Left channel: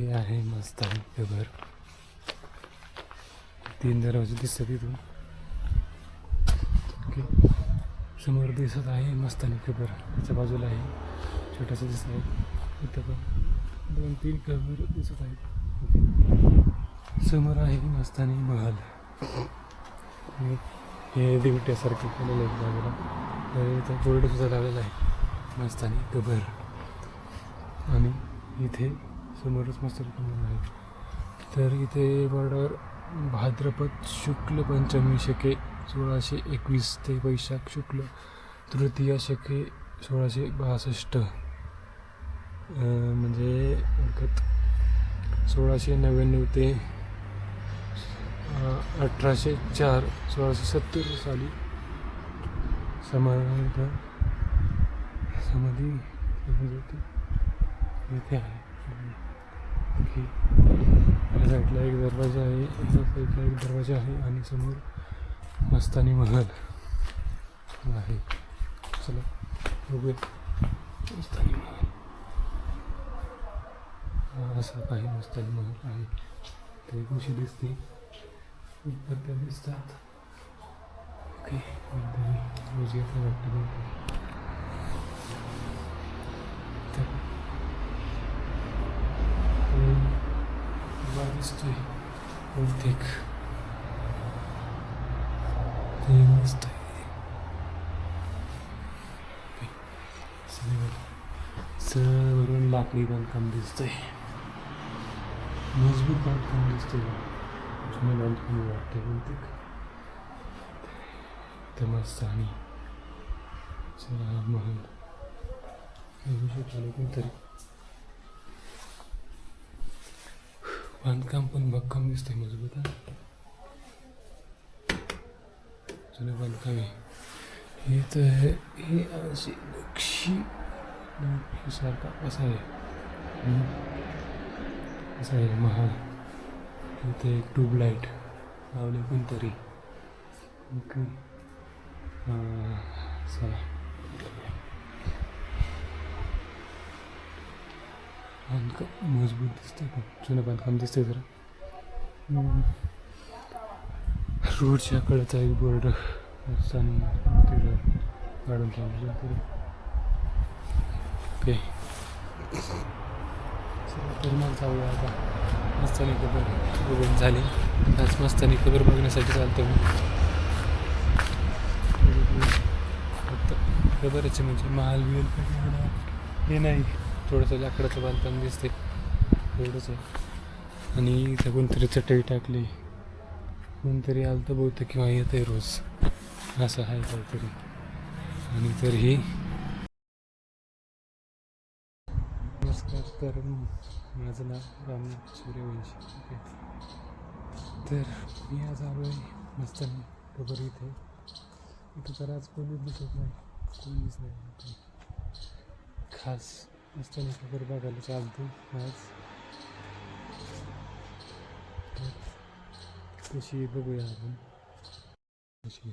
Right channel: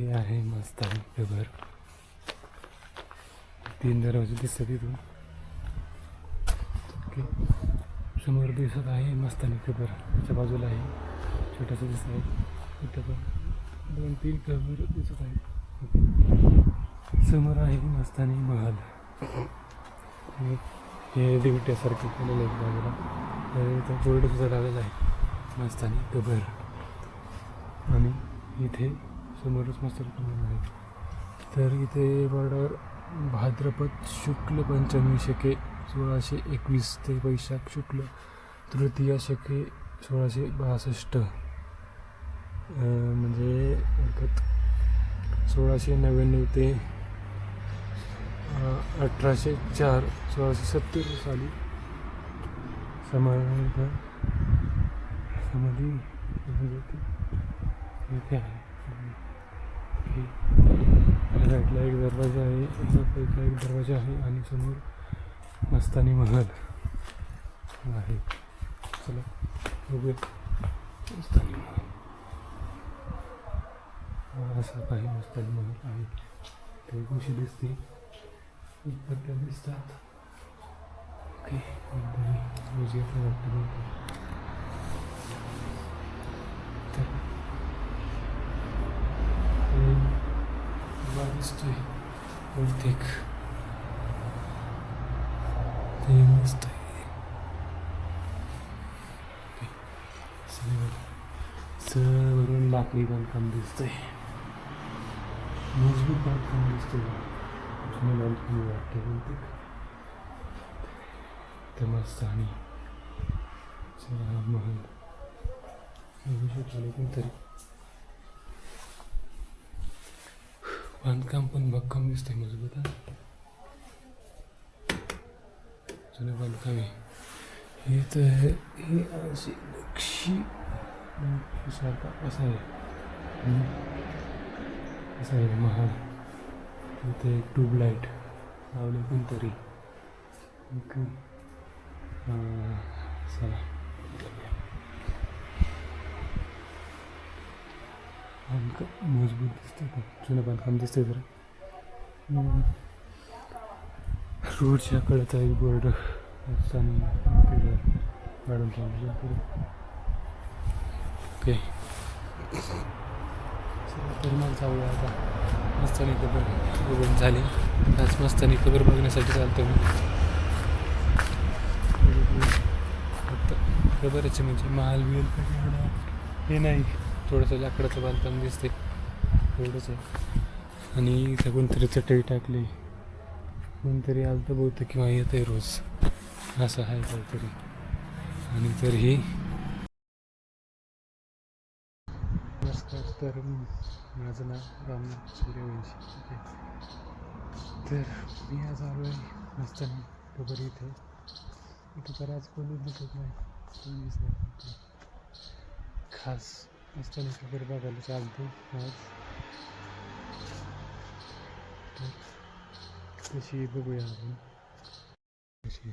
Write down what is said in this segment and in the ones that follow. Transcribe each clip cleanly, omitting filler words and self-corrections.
हे आहे मस्तानी कबर. 3 दरवाजे दिसतात तिथून. ओके, समोर दिसत आहे मस्तानी कबर. त्याच्या बाजूला आहे छोटंसं दिसत आहे. इथं पण 2-3 कबर दिसत आहेत. ओके, समोर आहे मस्तानी महल. हे दिवट्यासारखे केलेलं आहे बाजूला. तर इथं बोर्ड सुद्धा लावलेला आहे मस्तानी कबर. आणि इथे समोरच मस्तानी कबर आहे. तर इथे बॉर्डर भाद्रपद शुक्ल पंचमी शके 1621 ते वैशाख शुक्ल तृतीया शके 1662 म्हणजे 1699 ते 1804 1670 साली समाधी इथे आहे. या साईडला एक दरवाजा आहे, या साईडला एक दरवाजा आहे आणि समोर मस्तानी महल आहे. चला बघूया मस्तानी महल. असा काही मस्तानी महल आहे. ते कशी दिसते त्या दिसतात. ओके, रोज येतं वाटतं. दिसतोय बहुतेक ते मस्त आहे. वरून लाकडी बांधकाम दिसतंय, मजबूत बांधकाम दिसतंय. जुनं बांधकाम वाटतंय बहुतेक. ते मस्त आणि महल बघू शकतो कोणतरी. बांधकाम पण भक्कम दिसतंय, मजबूत आहे. जुनं बांधकाम आहे. हे तर हे अशी नक्षीसारखा असं आहे. असं आहे महाल. इथे एक ट्यूबलाईट लावले कोणतरी. ओके, चला बांधकाम मजबूत दिसतंय, खूप जुनं बांधकाम दिसतंय. जरा रोडच्या कडेचा एक बोर्ड आणि काढून सांगितलं तरी. ओके, तर मग जाऊया आता. मस्तानी कबर बघून झाली. आज मस्तानी कबर बघण्यासाठी चालतो मी. फक्त कबरचे म्हणजे महाल बिल हे नाही, थोडंसं लाकडाचं बांधकाम दिसते एवढंच आहे. आणि इथं कोणतरी चटई टाकली, कोणतरी आलं तर बहुतेक किंवा येत आहे रोज, असं आहे काहीतरी. आणि तर ही नमस्कार. तर माझं नाव रामनाथ सूर्यवंशी. ओके, तर मी आज आलो आहे मस्तानी कबर इथे. इथं तर आज कोणीच दिसत नाही, कोणीच नाही. खास मस्तानी कबर बघायला चालतो आज. कशी बघूया आपण कशी.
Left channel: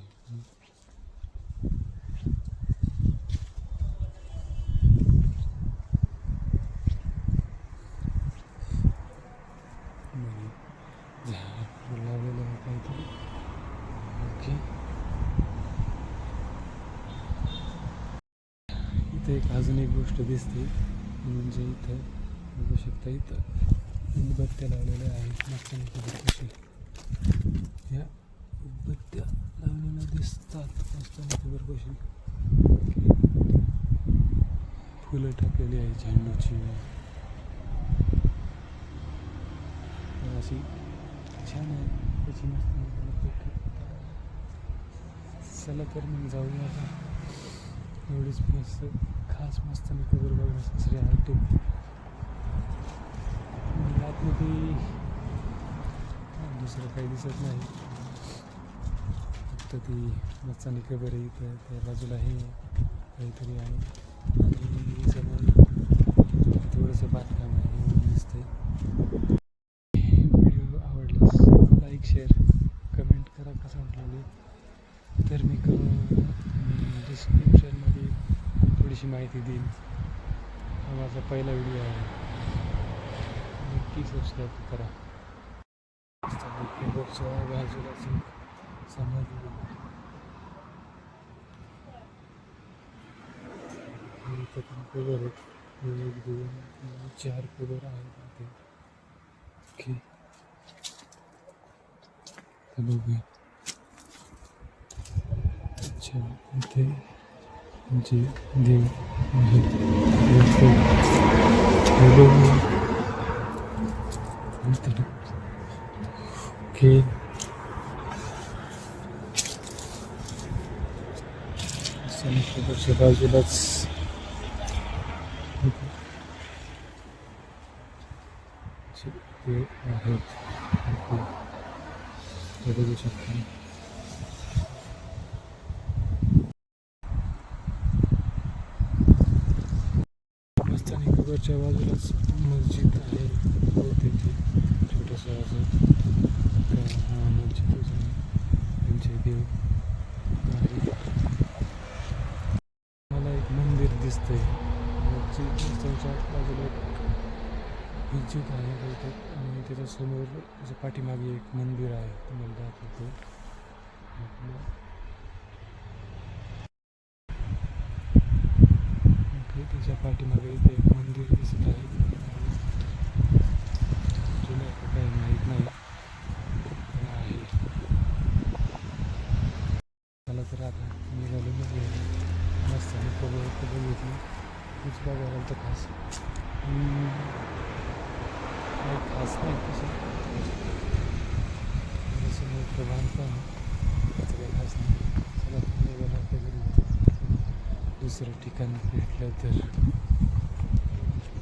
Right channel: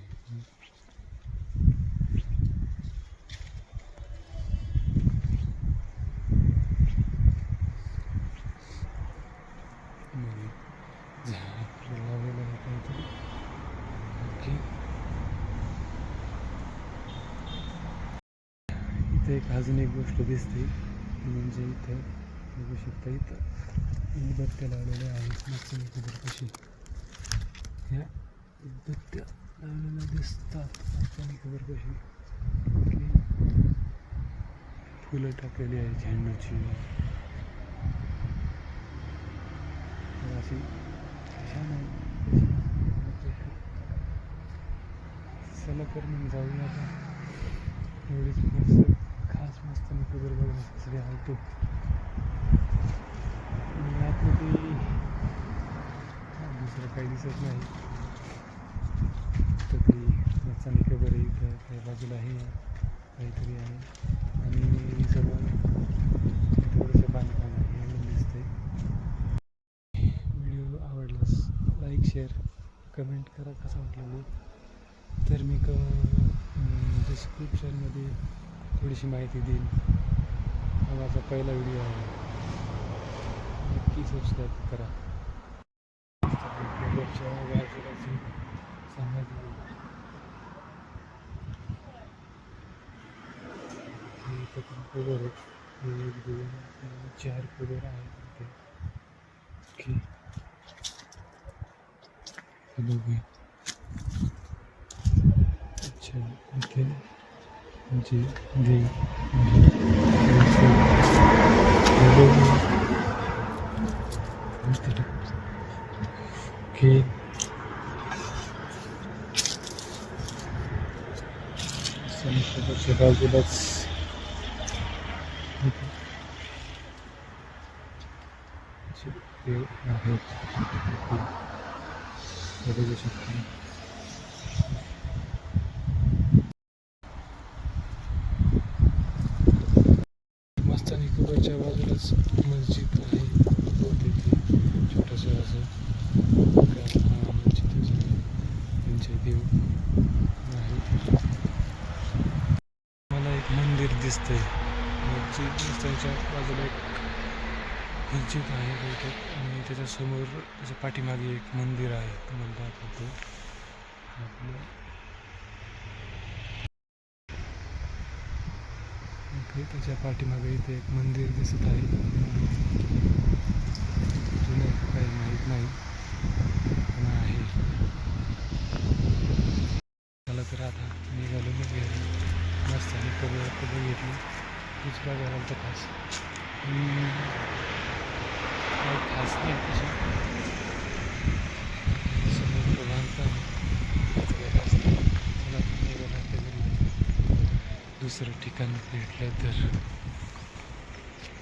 लावलेलं आहे काहीतरी. इथे एक अजून एक गोष्ट दिसते, म्हणजे इथं बघू शकता, इथं उदबत्त्या लावलेल्या आहेत मस्तानी कबरपाशी. ह्या उदबत्त्या लावलेल्या दिसतात मस्तानी कबरपाशी. फुलं टाकलेली आहे झेंडूची. अशी छान आहे. चला तर मग जाऊया आता. एवढीच मस्त खास मस्तानी कबर बघण्यासाठी आलो. आतमध्ये दुसरं काही दिसत नाही, तर ती मस्तानी कबर आहे. इथं त्या बाजूलाही काहीतरी आहे आणि समोर थोडंसं बांधकाम आहे एवढं दिसतंय. व्हिडिओ आवडल्यास लाईक, शेअर, कमेंट करा कसं वाटलं. तर मी डिस्क्रिप्शनमध्ये थोडीशी माहिती देईन. हा माझा पहिला व्हिडिओ आहे. नक्की सबस्क्राईब करा. कबरच्या बाजूलाच समाधी आहे. इथं पण कबर आहेत. 1 2 3 4 कबर आहेत इथे. बघूया. अच्छा इथे जे देव आहेत ओके. कबरच्या बाजूलाच देव आहेत. बघू शकता. मस्तानी कबरच्या बाजूलाच मस्जिद आहे. बहुतेक छोटंसं असं मस्जिदच आहे. त्यांचे देव आहे. मला एक मंदिर दिसतंय. मस्जिदच्या बाजूला एक मस्जिद आहे बहुतेक आणि त्याच्यासमोर त्याच्या पाठीमागे एक मंदिर आहे. तुम्हाला दाखवतो. आपलं ओके. त्याच्या पाठीमागे इथे एक मंदिर दिसत आहे. जुनं का काही माहीत नाही पण आहे. चला तर आता निघालो घ्यायला. मस्त आणि कबर घेतली. तीच बघायला तर खास काही खास नाही तसं. समोर बांधकाम काही खास नाही. चला निघाला आपल्या घरी. दुसरं ठिकाण भेटलं तर